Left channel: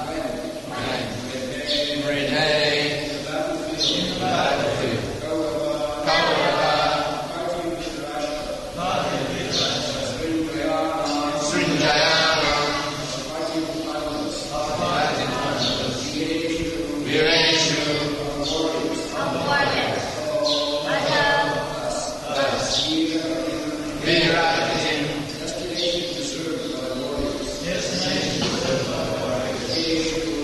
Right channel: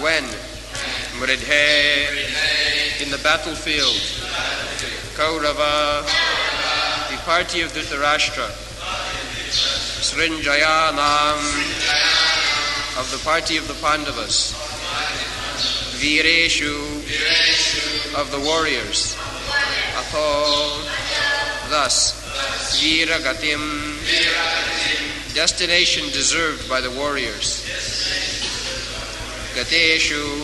When in the battlefield, Kaurava, the party of Dhritarashtra, Srinjayanam, of the party of the Pandavas, Vireshu, of the warriors, Atho, thus, Viragatim, destination deserved by the warriors, Gadeshu,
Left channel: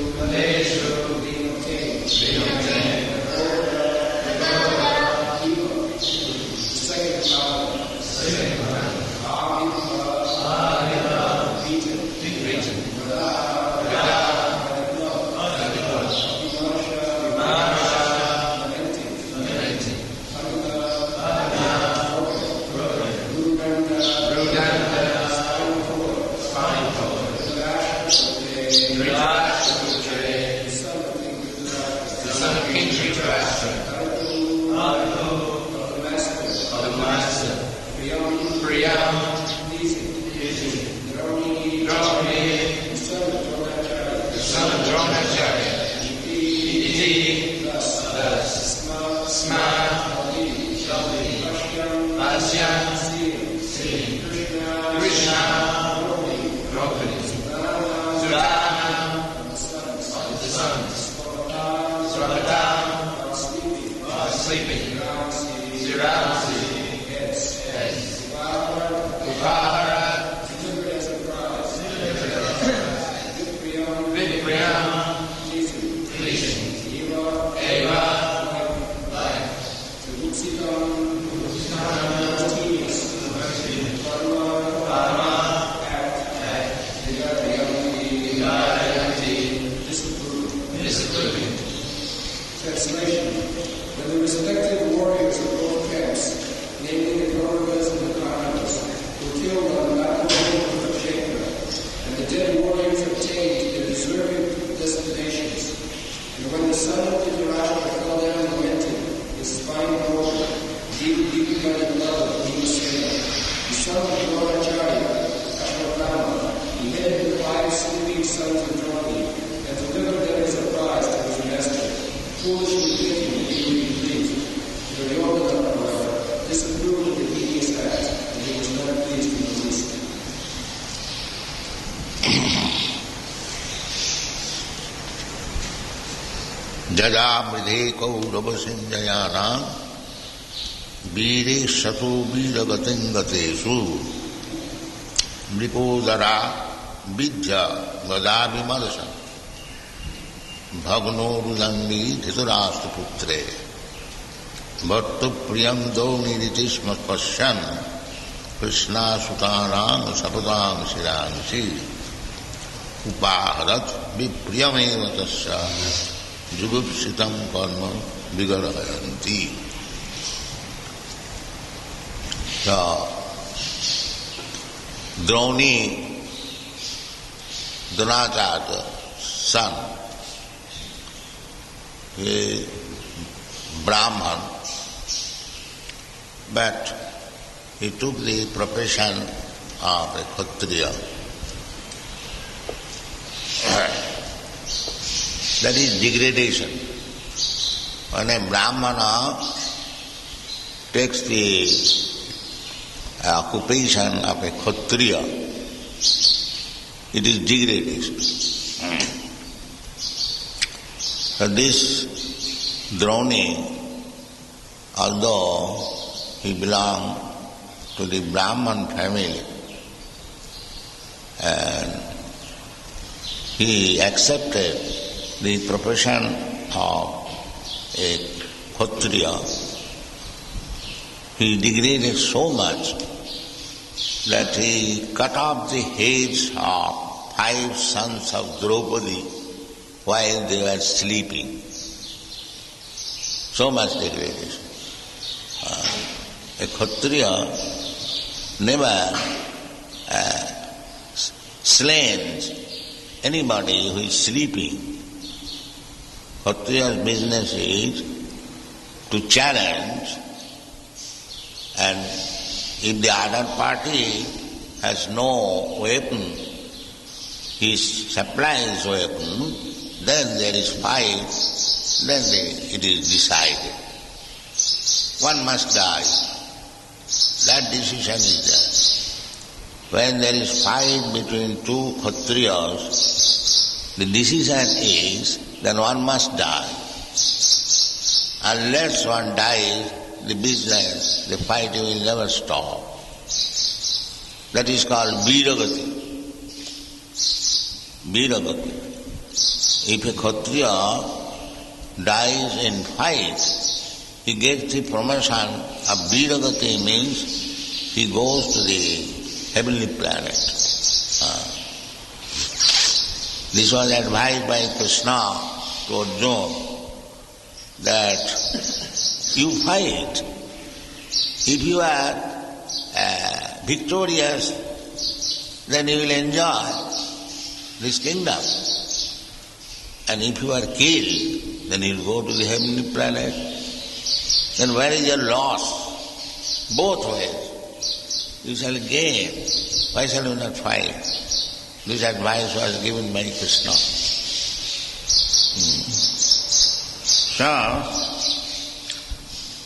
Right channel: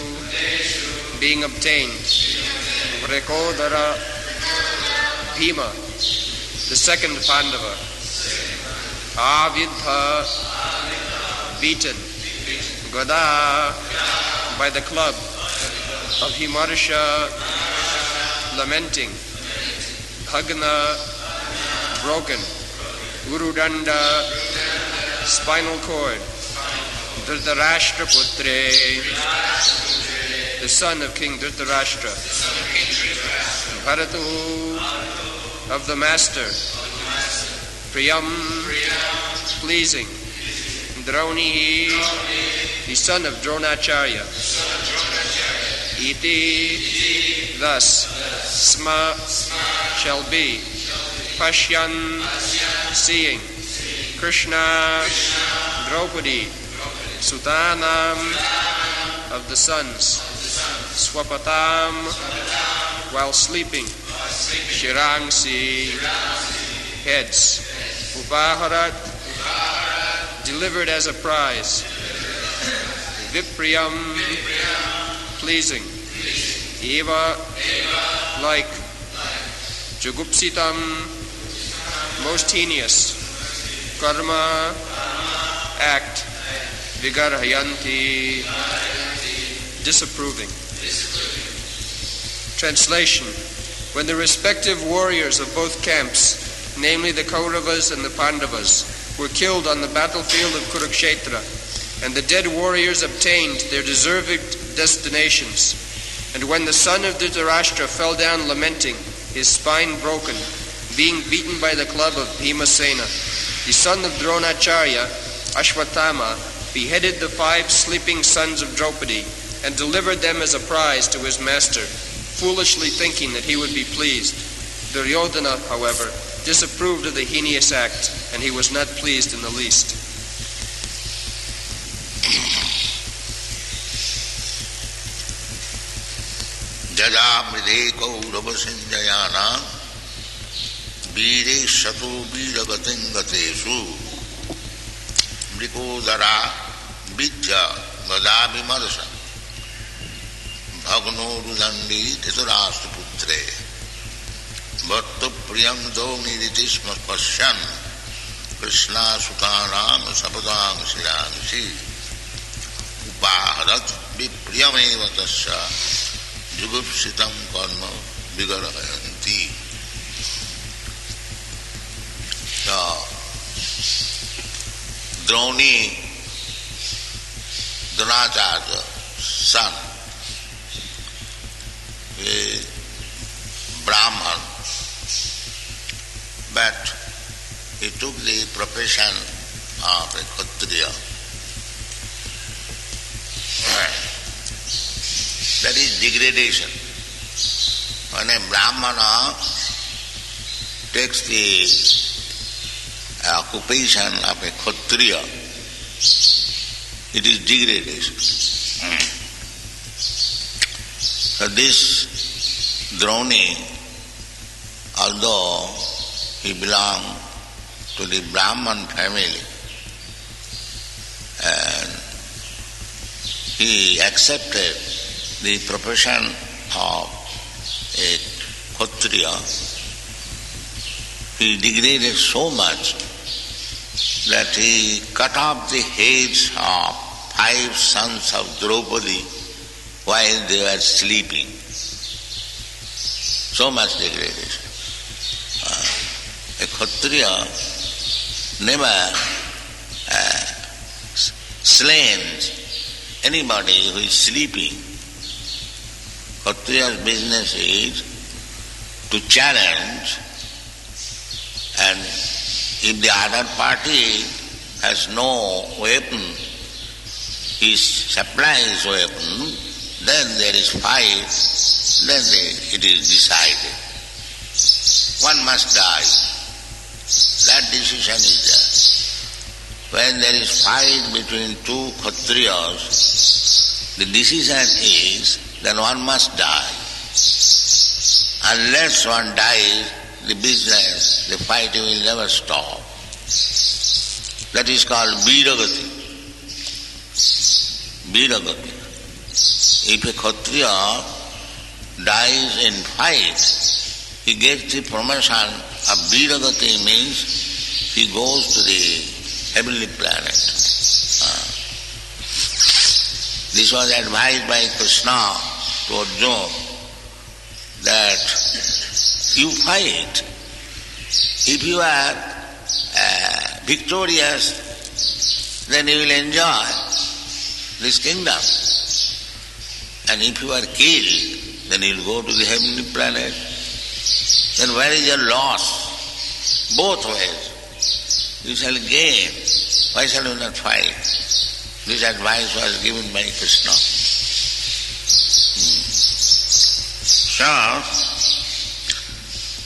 being obtained, Rekodara, Bhima, the second Pandava, Avidha, beaten, Gada, by the club, Abhimarsha, lamenting, Bhagna, broken, Gurudanda, spinal cord, Dhritarashtra Putre, the son of King Dhritarashtra, Bharatu, of the master, Priyam, pleasing, Droni, the son of Dronacharya, Iti, thus, Sma, shall be, Pashyan, seeing, Krishna, Draupadi, Sudanam, of the sons, Swapatam, while while sleeping. Shirangsi, heads. Upaharat, delivered as a prize. Vipriyam, pleasing. Eva, like. Jugupsitam, most heinous. Karma, act. Vigarhayanti, disapproving. Translation. When the respective warriors of both camps, namely the Kauravas and the Pandavas, were killed on the battlefield of Kurukshetra, and the dead warriors obtained their deserved destinations, and when the son of Dhritarashtra fell down lamenting, his spine broken, being beaten by the club of Bhimasena, the son of Dronacharya, Ashwatthama, beheaded the 5 sleeping sons of Draupadi and delivered them as a prize to his master, foolishly thinking that he would be pleased. Duryodhana, however, disapproved of the heinous act, and he was not pleased in the least. Jajamridhe kauravasinjayana vire sato viravatingatesu mrikodara vidya vadavimarsa bhagnorudandi dhitarashtraputre bhattu priyam doniditisma pasyan krishna sutanam sapadam siransi upaharat vipriyameva tasya jugupsitam karma vigarhayanti. So, Droni, Dronacharya's son, is Brahman, but he took the profession of a Kshatriya. That is degradation. When a Brahmana takes the occupation of a Kshatriya, it is degradation. So this Droni, although he belonged to the Brahman family, and he accepted the profession of a Kshatriya, he degraded so much that he cut off the heads of 5 sons of Draupadi while they were sleeping. So much degradation. A Kshatriya never slains anybody who is sleeping. Kshatriya's business is to challenge, and if the other party has no weapon, he supplies weapon, then there is fight, then it is decided. One must die. That decision is there. When there is fight between 2 Kshatriyas, the decision is then one must die. Unless one dies, the business, the fighting will never stop. That is called viragati. Viragati. If a Kshatriya dies in fight, he gets the promotion of viragati, means he goes to the heavenly planet. This was advised by Krishna to Arjuna, that you fight. If you are victorious, then you will enjoy this kingdom. And if you are killed, then you will go to the heavenly planet. Then where is your loss? Both ways. You shall gain. Why shall you not fight? This advice was given by Krishna. So,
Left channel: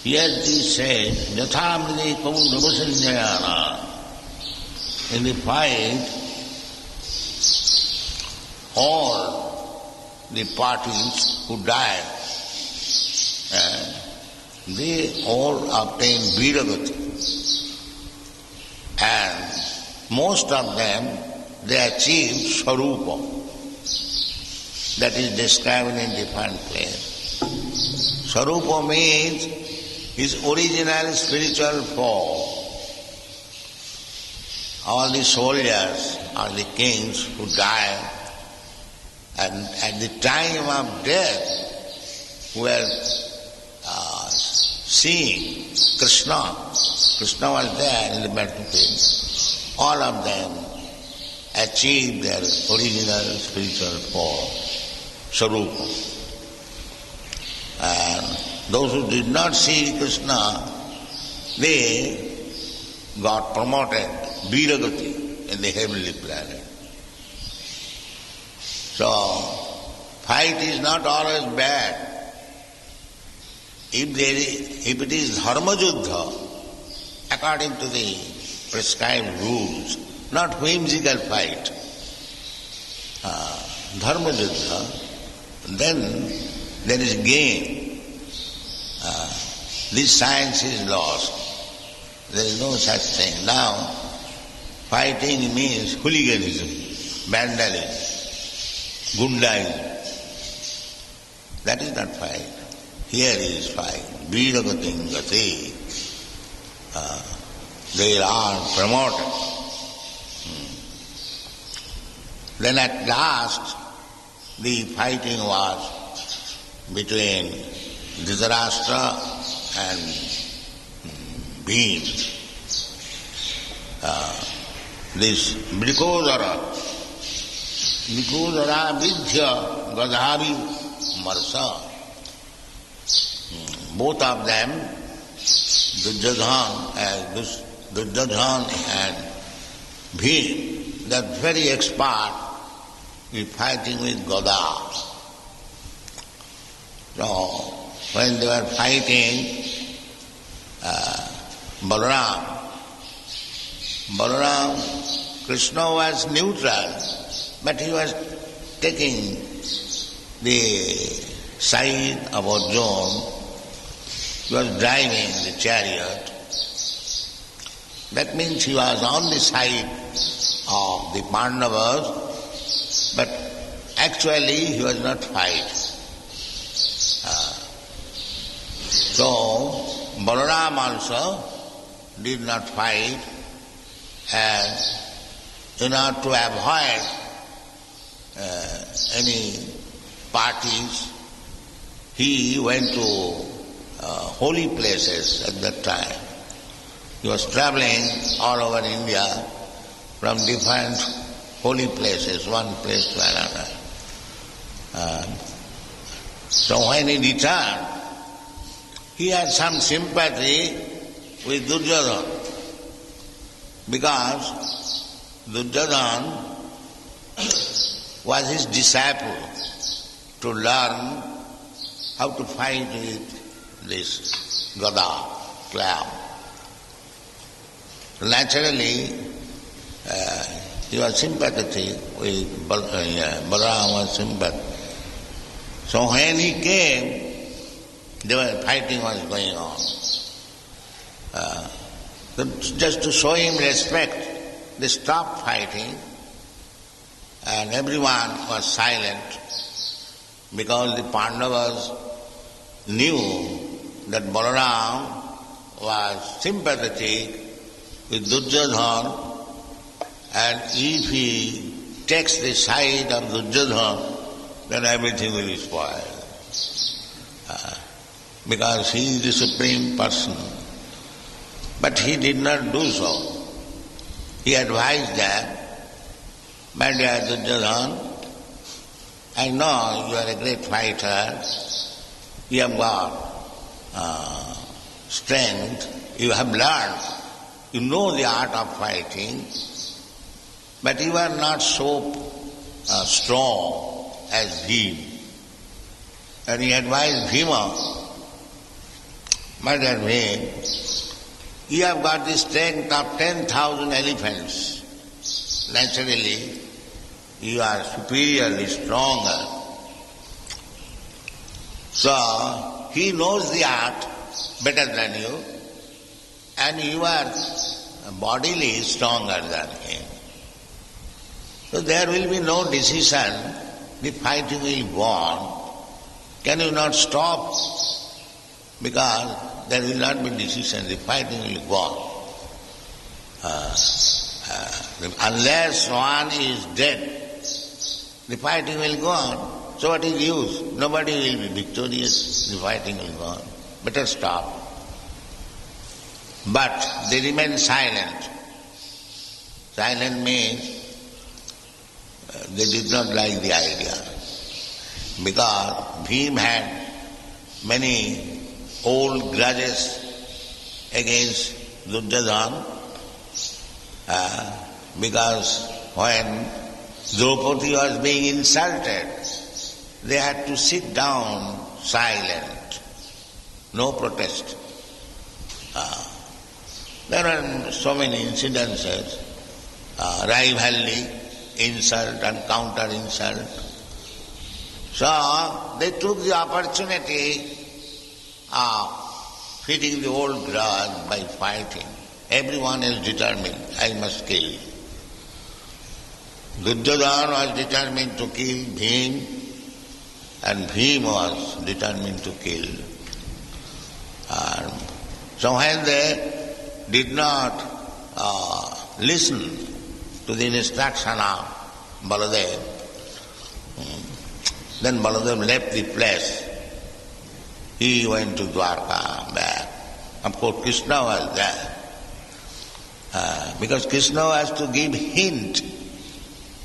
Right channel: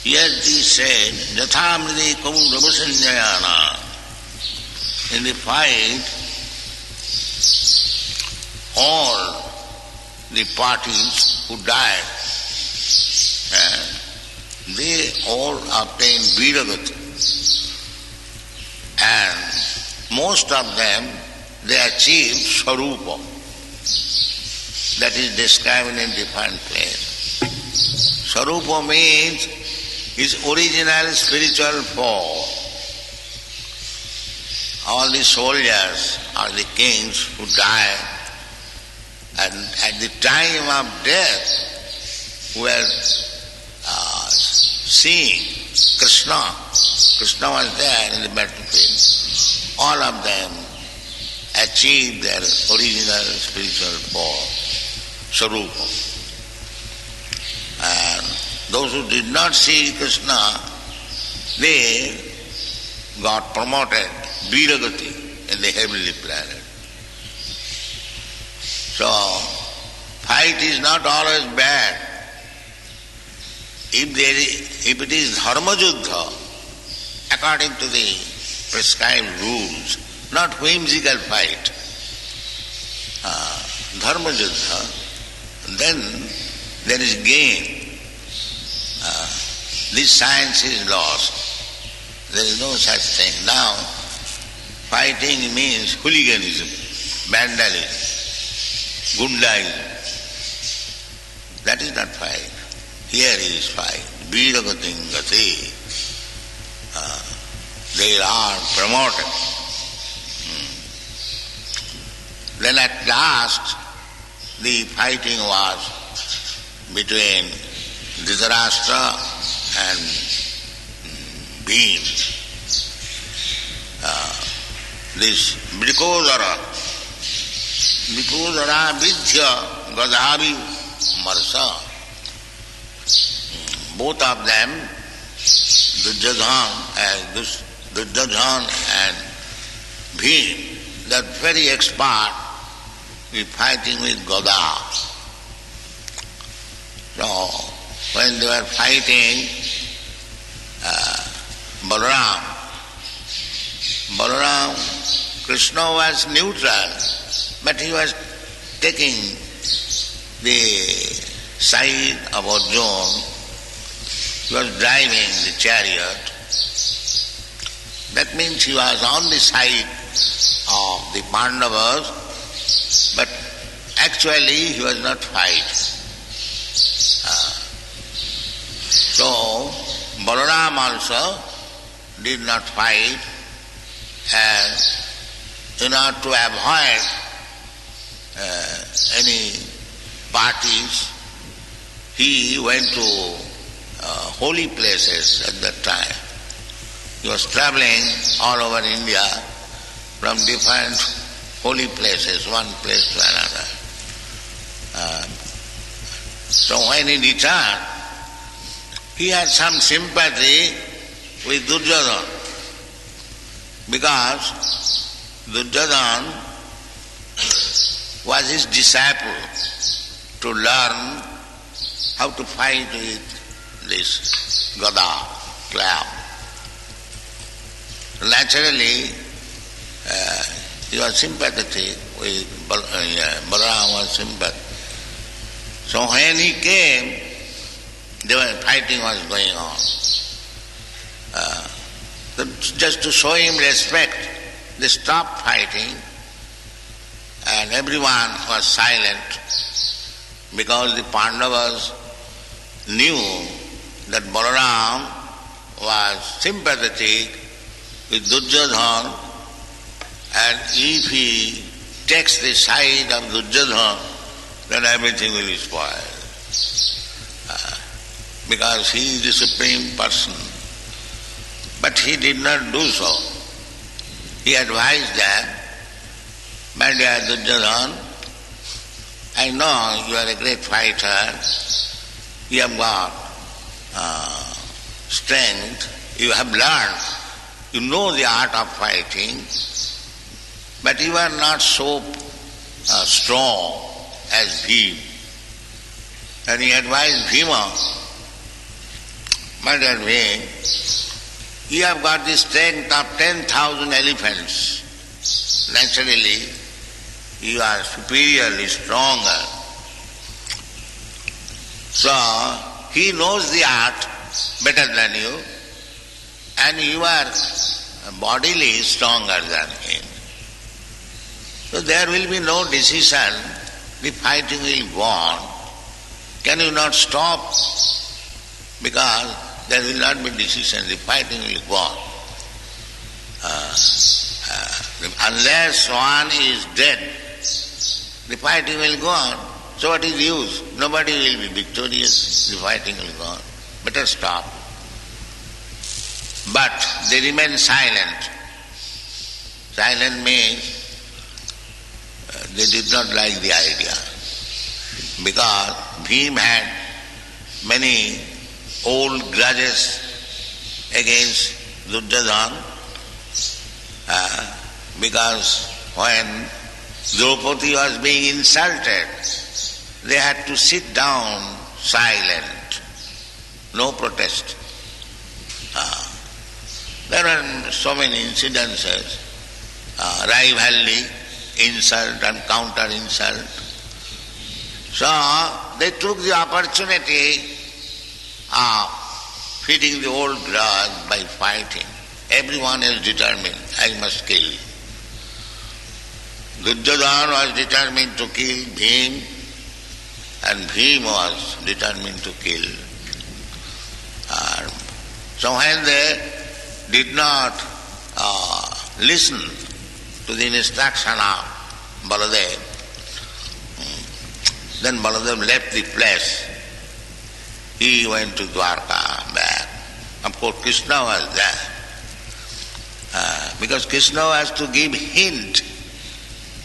here he said, Jathamride Kauravasanjayana. In the fight, all the parties who died all obtained Viragati. And most of them, they achieved Sarupa. That is described in different places. Sarupa means his original spiritual form. All the soldiers or the kings who died, and at the time of death were seeing Krishna. Krishna was there in the battlefield. All of them achieved their original spiritual form, Sarupa. And those who did not see Krishna, they got promoted, Viragati, in the heavenly planet. So, fight is not always bad. If it is dharma juddha, according to the prescribed rules, not whimsical fight, dharma juddha, then there is gain. This science is lost. There is no such thing. Now, fighting means hooliganism, vandalism, gundaism. That is not fight. Here is fight. Viragating gati. They are promoted. Then at last, the fighting was between Dhritarashtra and Bhim. This Vrikodara Vidya Gadhavi Marsa. Both of them, Duryodhana and Bhim, they are very expert in fighting with Gada. So, when they were fighting, Balaram, Krishna was neutral, but he was taking the side of Arjuna. He was driving the chariot. That means he was on the side of the Pandavas, but actually he was not fighting. So, Balaram also did not fight, and in order to avoid any parties, he went to holy places at that time. He was traveling all over India from different holy places, one place to another. So when he returned, he had some sympathy with Duryodhana, because Duryodhana was his disciple to learn how to fight with this Gada, club. Naturally, he was sympathetic with Balaram was sympathetic. So when he came, fighting was going on. Just to show him respect, they stopped fighting and everyone was silent, because the Pandavas knew that Balaram was sympathetic with Duryodhana, and if he takes the side of Duryodhana, then everything will be spoiled. Because he is the supreme person. But he did not do so. He advised them, "My dear Duryodhana, I know you are a great fighter, you have got strength, you have learned, you know the art of fighting, but you are not so strong as Bhima." And he advised Bhima, "My dear Bhima, you have got the strength of 10,000 elephants. Naturally, you are superiorly stronger. So, he knows the art better than you, and you are bodily stronger than him. So there will be no decision, the fighting will go on. Can you not stop? Because there will not be decision, the fighting will go on. Unless one is dead, the fighting will go on. So what is use? Nobody will be victorious, the fighting will go on. Better stop. But they remain silent. Silent means they did not like the idea. Because Bhim had many old grudges against Duryodhana, because when Draupadi was being insulted, they had to sit down silent, no protest. There are so many incidences, rivalry, insult and counter-insult. So they took the opportunity of feeding the old grudge by fighting. Everyone is determined, I must kill. Duryodhana was determined to kill Bhim, and Bhim was determined to kill. So when they did not listen to the instruction of Baladev, then Baladev left the place. He went to Dwarka back. Of course, Krishna was there. Because Krishna was to give hint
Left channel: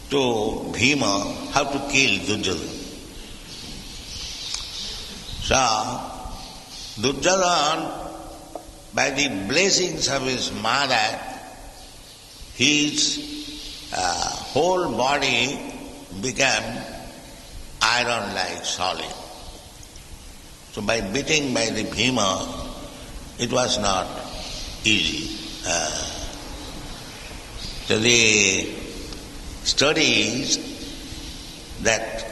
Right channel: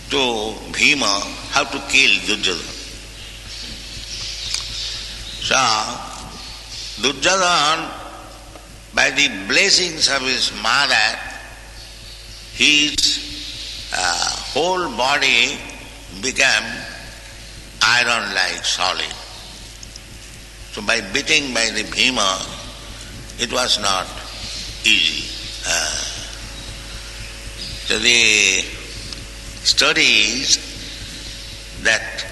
to Bhima how to kill Duryodhana. So, Duryodhana, by the blessings of his mother, his whole body became iron-like solid. So by beating by the Bhima, it was not easy. So the story is that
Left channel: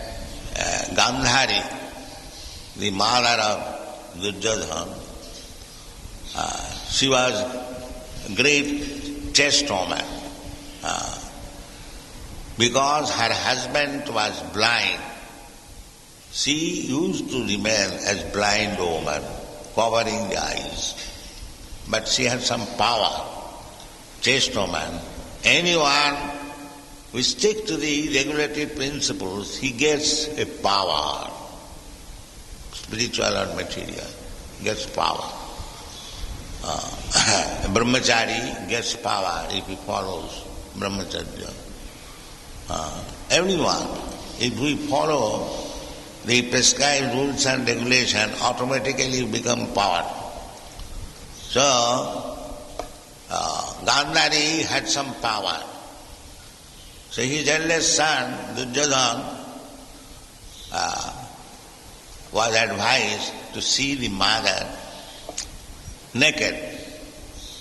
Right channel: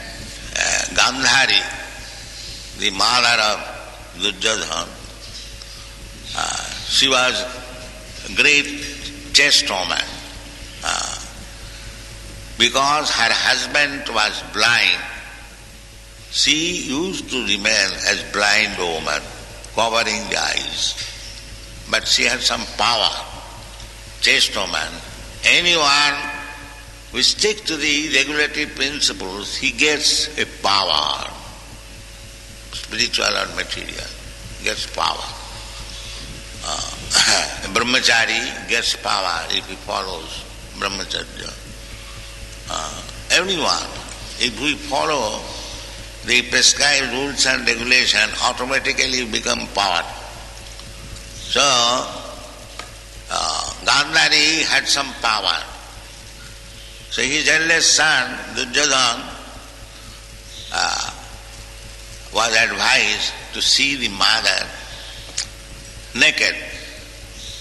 Gandhari, the mother of Duryodhana, she was a great chaste woman. Because her husband was blind, she used to remain as blind woman, covering the eyes. But she had some power, chaste woman. Anyone who sticks to the regulative principles, he gets a power, spiritual or material, gets power. A brahmachari gets power if he follows brahmacharya. Everyone, if we follow the prescribed rules and regulation, automatically become power. So, Gandhari had some power. So his eldest son, Duryodhana, was advised to see the mother naked.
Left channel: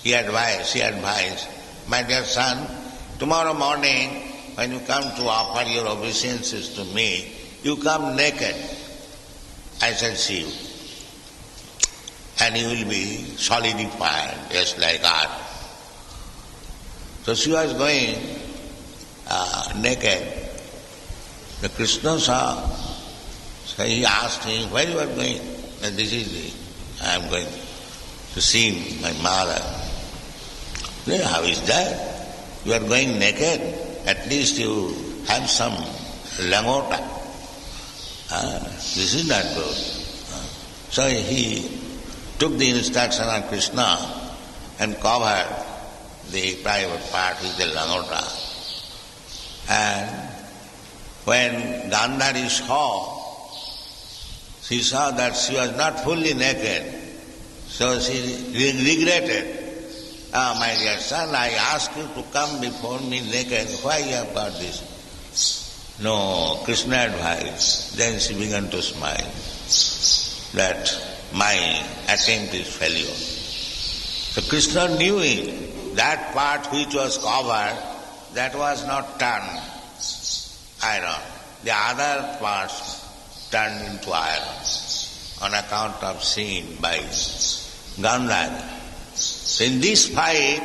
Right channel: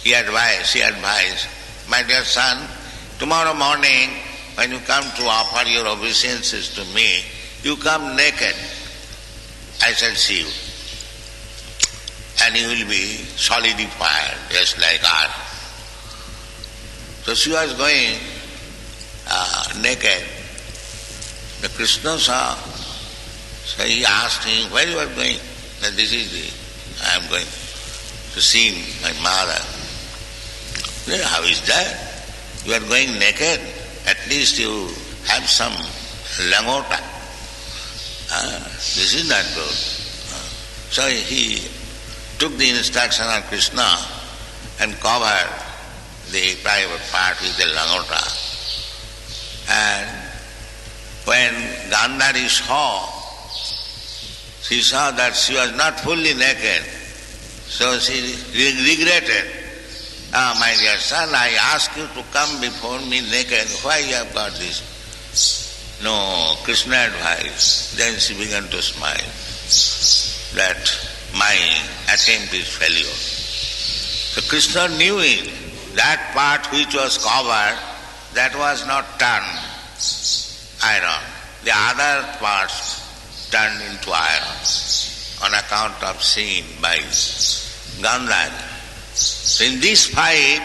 She advised, my dear son, tomorrow morning when you come to offer your obeisances to me, you come naked. I shall see you. And you will be solidified, just like earth. So she was going naked. The Krishna saw. So he asked him, where you are going? That I am going to see my mother. Then how is that? You are going naked. At least you have some langota. This is not good. So he took the instruction of Krishna and covered the private part with the langota. And when Gandhari saw, she saw that she was not fully naked. So she regretted. My dear son, I asked you to come before me naked. Why you have got this? No, Krishna advised. Then she began to smile that my attempt is failure. So Krishna knew it. That part which was covered, that was not turned iron. The other parts turned into iron on account of sin by Gandhara. So in this fight,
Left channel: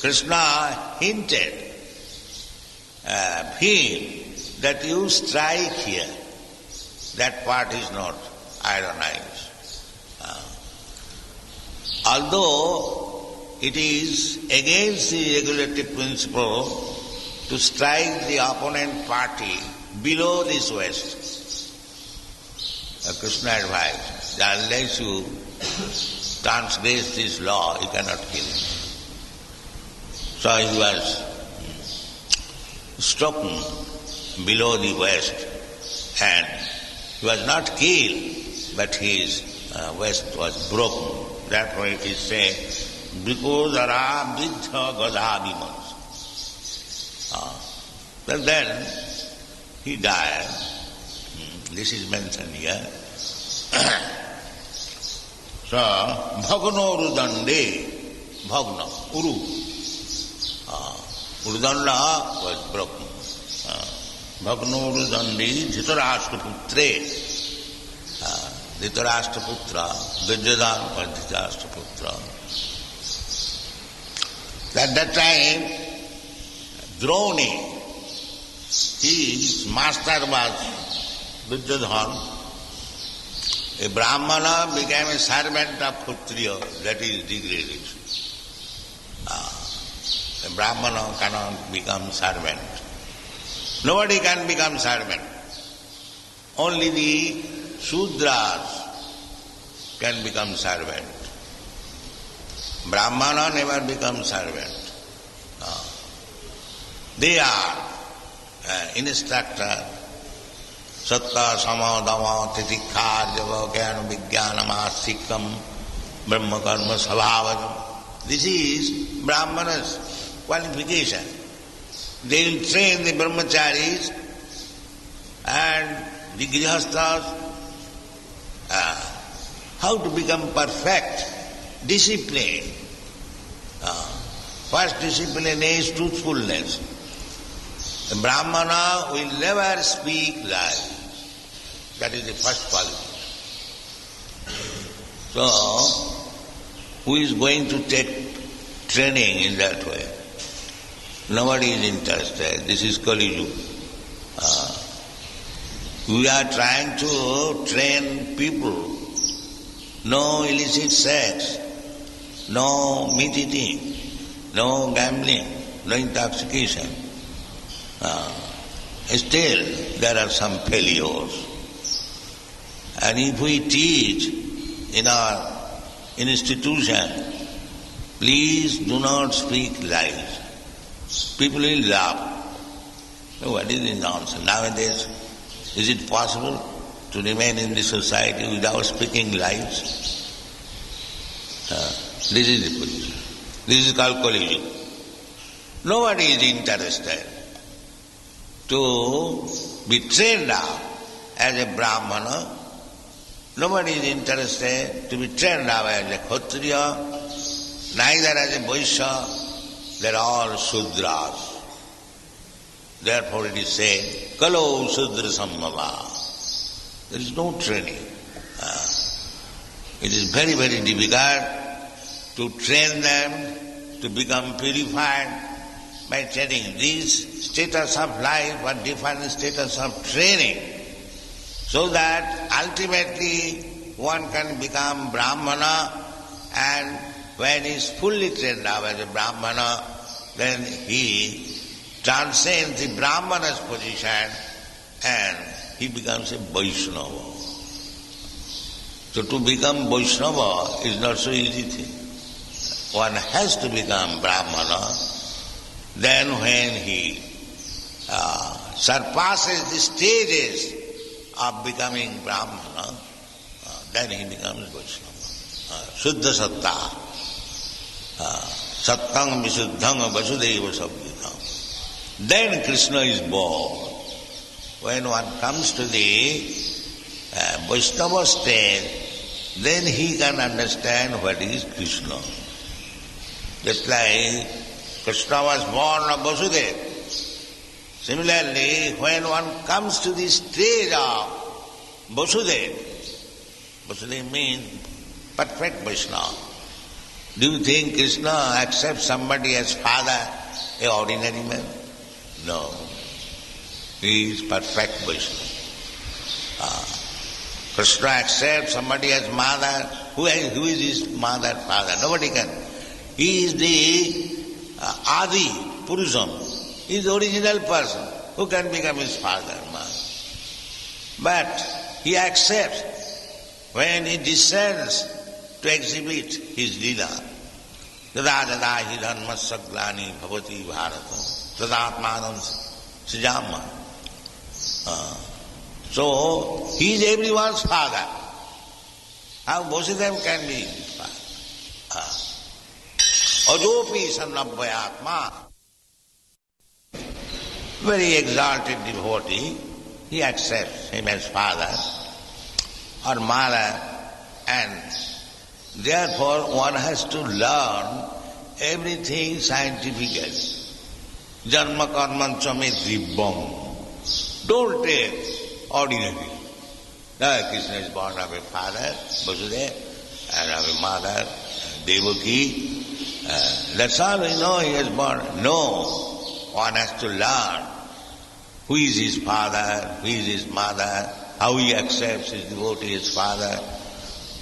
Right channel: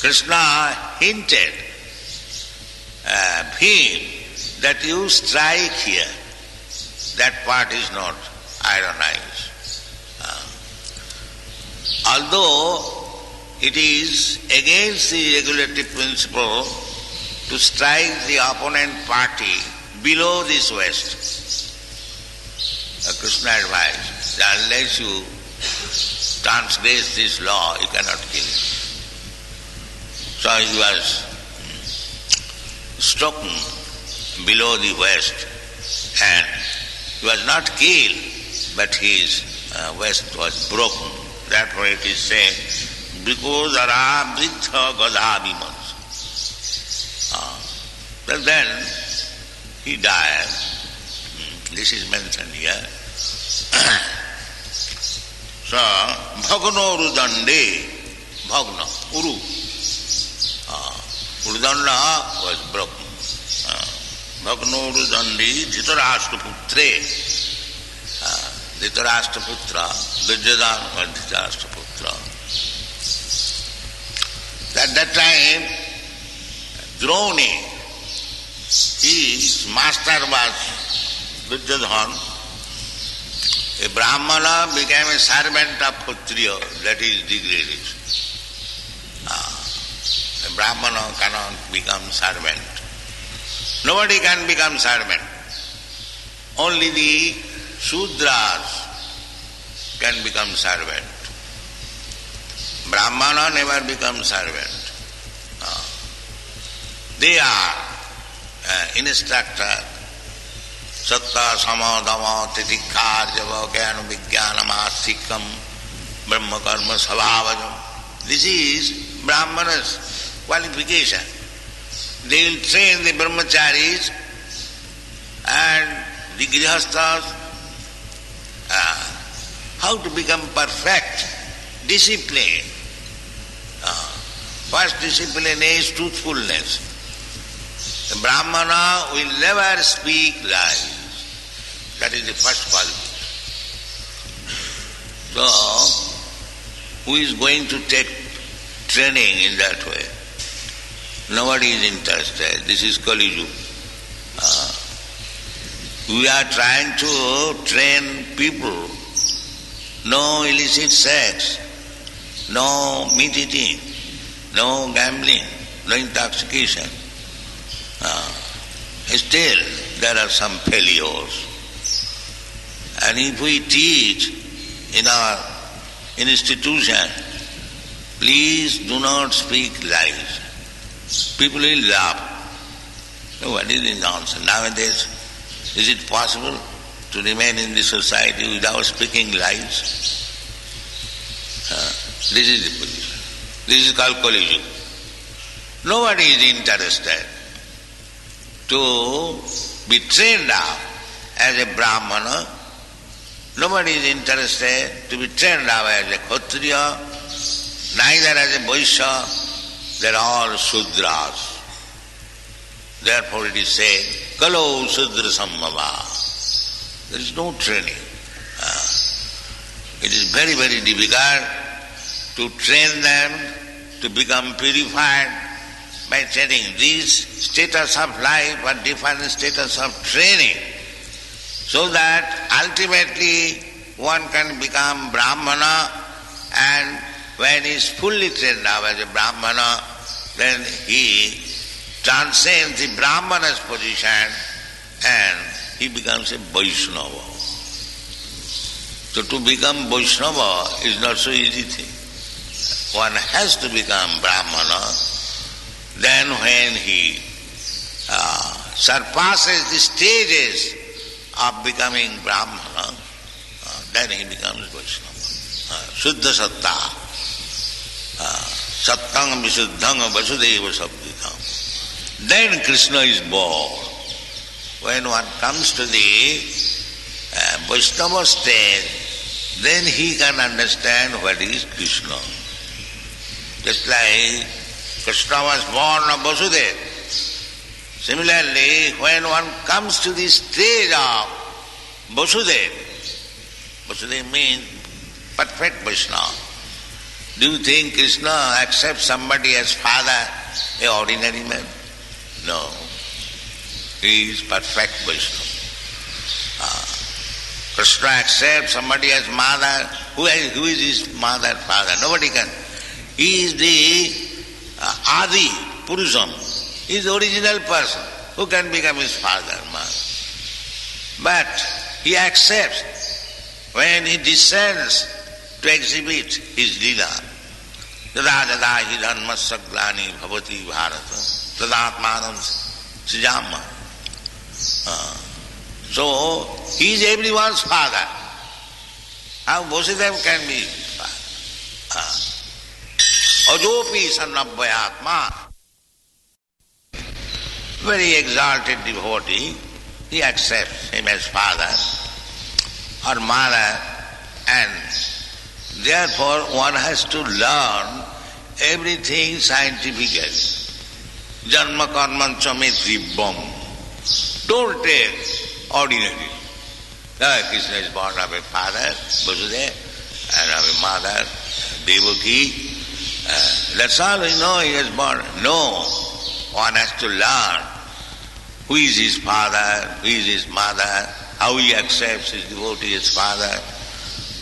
Krishna hinted him that you strike here. That part is not ironized. Although it is against the regulative principle to strike the opponent party below this waist, Krishna advised that unless you transgress this law, you cannot kill him. So he was struck below the waist, and he was not killed, but his waist was broken. Therefore it is said, Bhikhodara Vriddha Gadhabimas. But then he died. This is mentioned here. So, Bhagno Urudande, Bhagna, Uru. Urudanda was broken. Bhagno Urudande, Dhritarashtraputre. Dhritarashtraputra, Duryodhana was Dhritarashtraputra. At that time, Droni, his master was Duryodhana. A Brahmana became a servant of Kshatriya, that is degradation. A Brahmana cannot become servant. Nobody can become servant. Only the Shudras can become servant. Brahmana never becomes servant. They are instructor. Satta, sama, dama, titikha, java, jnana, vijnana, astikam, brahma, karma, sabhavajam. This is Brahmana's qualification. They will train the brahmacharis and the grihasthas how to become perfect, discipline. First discipline is truthfulness. The Brahmana will never speak lies. That is the first quality. So, who is going to take training in that way? Nobody is interested. This is Kali Yuga. We are trying to train people. No illicit sex, no meat eating, no gambling, no intoxication. Still, there are some failures. And if we teach in our institution, please do not speak lies. People will laugh. Oh, what is this nonsense? Nowadays, is it possible to remain in the society without speaking lies? This is the position. This is called Kali Yuga. Nobody is interested to be trained up as a Brahmana. Nobody is interested to be trained up as a Kshatriya, neither as a Vaishya. They are all Shudras. Therefore it is said, Kalo Shudra Sammava. There is no training. It is very, very difficult to train them to become purified by setting this status of life or different status of training, so that ultimately one can become Brahmana, and when he is fully trained up as a Brahmana, then he transcends the Brahmana's position and he becomes a Vaishnava. So to become Vaishnava is not so easy thing. One has to become Brahmana. Then when he surpasses the stages of becoming Brahmana, then he becomes Vaishnava. Shuddha Satta. Sattang Visuddhang Vasudeva Sabdhikam. Then Krishna is born. When one comes to the Vaishnava stage, then he can understand what is Krishna. Just like Krishna was born of Vasudeva. Similarly, when one comes to the stage of Vasudeva, Vasudeva means perfect Vaishnava. Do you think Krishna accepts somebody as father, an ordinary man? No. He is perfect Vaishnava. Krishna accepts somebody as mother. Who is his mother, father? Nobody can. He is the Adi Purusham. He is the original person. Who can become his father, mother? But he accepts when he descends to exhibit his lila. Yada yada hi dharmasya glani bhavati bharata tadatmanam sijama. So, he is everyone's father. How Vasudeva can be his father? Ajopi sannabhyatma. Very exalted devotee, he accepts him as father or mother, and therefore one has to learn everything scientifically. Janma karman chame dibbam. Don't take ordinary. Krishna is born of a father, Vasudeva, and of a mother, Devaki. That's all we know he is born. No. One has to learn who is his father, who is his mother, how he accepts his devotee as father.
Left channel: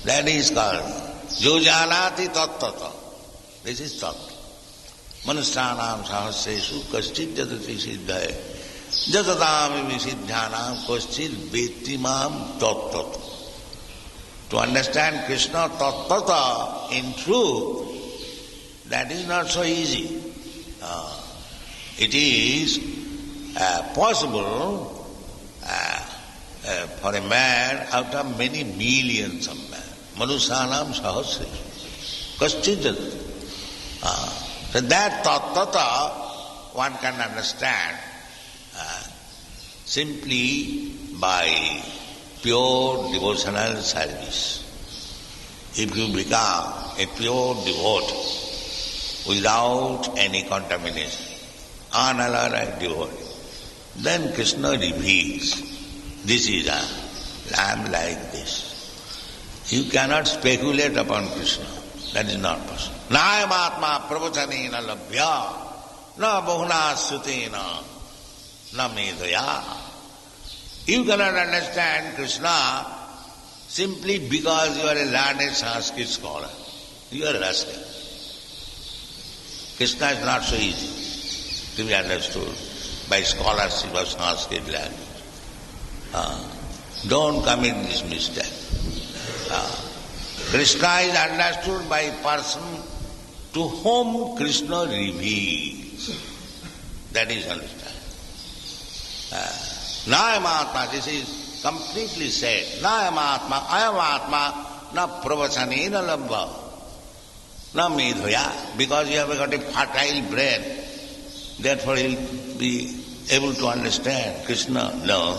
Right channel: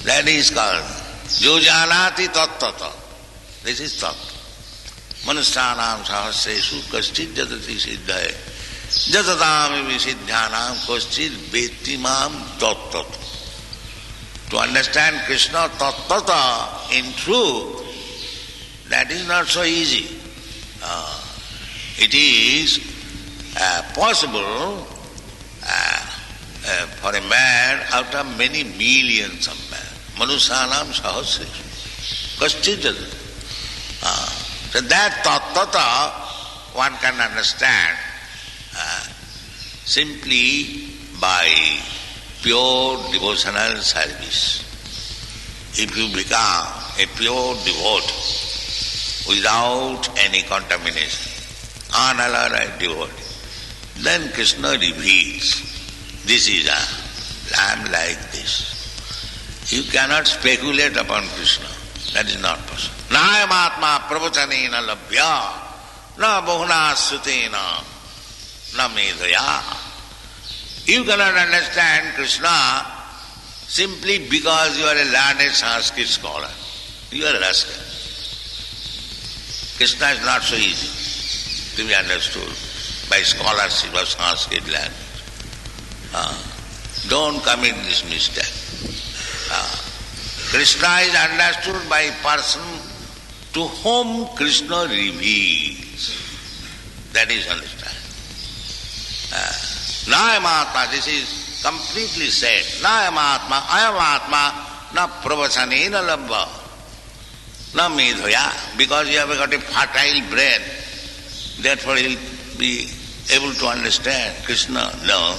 That is called Jojanati Tattata. This is Tattva. Manusthanam sahasresu kaschit jadati siddhaye. Jatadami visiddhanam kaschit vetimam tattata. To understand Krishna tattata in truth, that is not so easy. It is possible for a man out of many millions of men. Manusyanam sahasresu. Kaschit. So that tattata one can understand simply by pure devotional service. If you become a pure devotee without any contamination, unalloyed devotee, then Krishna reveals, this is I am like this. You cannot speculate upon Krishna. That is not possible. Nayam atma pravachanena labhya, na bahuna sutena, na medhaya. You cannot understand Krishna simply because you are a learned Sanskrit scholar. You are a rascal. Krishna is not so easy to be understood by scholarship of Sanskrit language. Don't commit this mistake. Krishna is understood by a person to whom Krishna reveals. That is understood. Nayamatma, this is completely said. Nayamatma, ayamatma, na pravachanena labha, na medhaya. Because you have got a fertile brain, therefore he will be able to understand Krishna. No.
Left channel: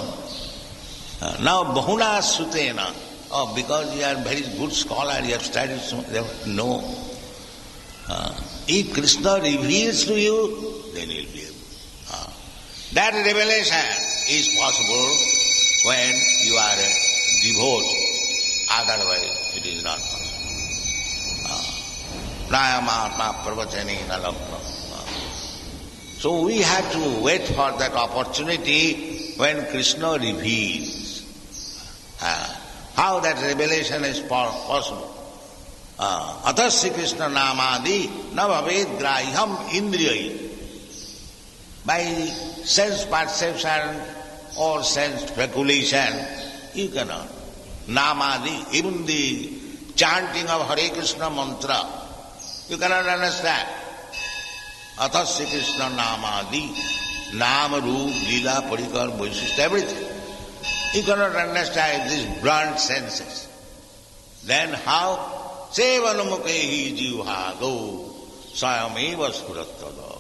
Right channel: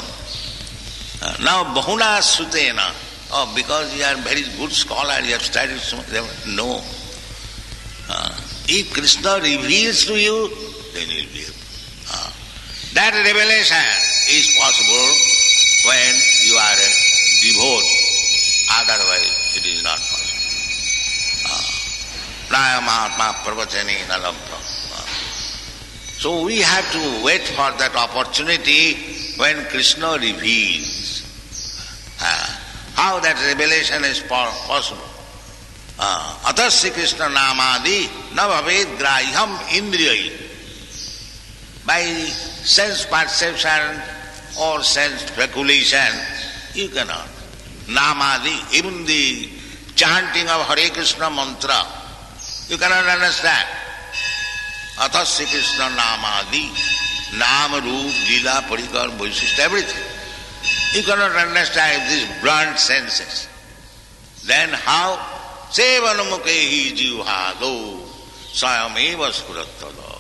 Now bahuna sutena. Oh, because you are a very good scholar, you have studied so much. No. If Krishna reveals to you, then you will be able. That revelation is possible when you are a devotee. Otherwise, it is not possible. Nayamatma pravachanena labha. So we have to wait for that opportunity when Krishna reveals. How that revelation is possible? Atasya Krishna namadi na bhaved grahyam indriyai. By sense perception or sense speculation, you cannot. Namadi, even the chanting of Hare Krishna mantra, you cannot understand. Atasya Krishna namadi, nama, roop, lila, parikar, vaishishta, everything. You cannot understand these blunt senses. Then how? Sevanamukhe jivhado sayameva spurattada.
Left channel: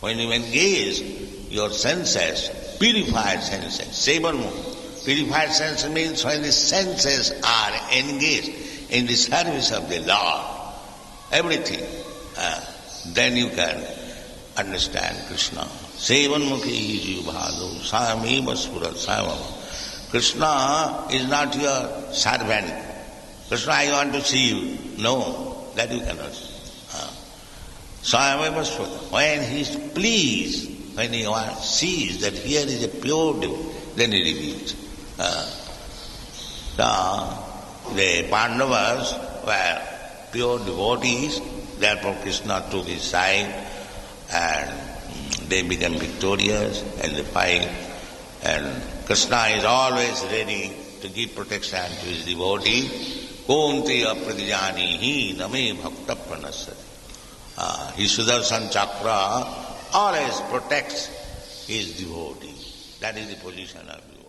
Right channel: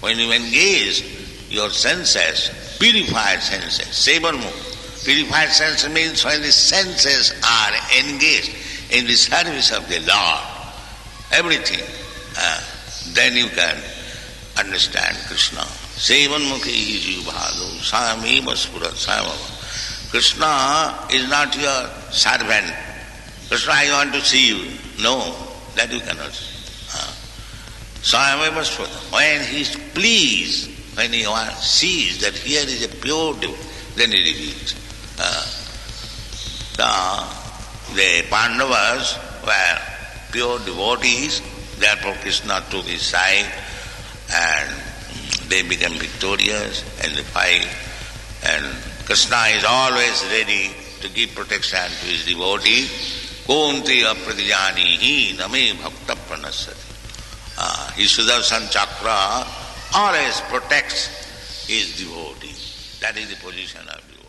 When you engage your senses, purified senses, sevanamukha. Purified senses means when the senses are engaged in the service of the Lord, everything, then you can understand Krishna. Sevanmukhe jivhado sayameva spurat sayameva. Krishna is not your servant. Krishna, I want to see you. No, that you cannot see. When he is pleased, when he sees that here is a pure devotee, then he reveals. The Pandavas were pure devotees, therefore Krishna took his side and they became victorious in the fight. And Krishna is always ready to give protection to his devotee. Kunti apratijanihi name bhakta pranasati. His sudarśana-cakra always protects his devotee. That is the position of devotee.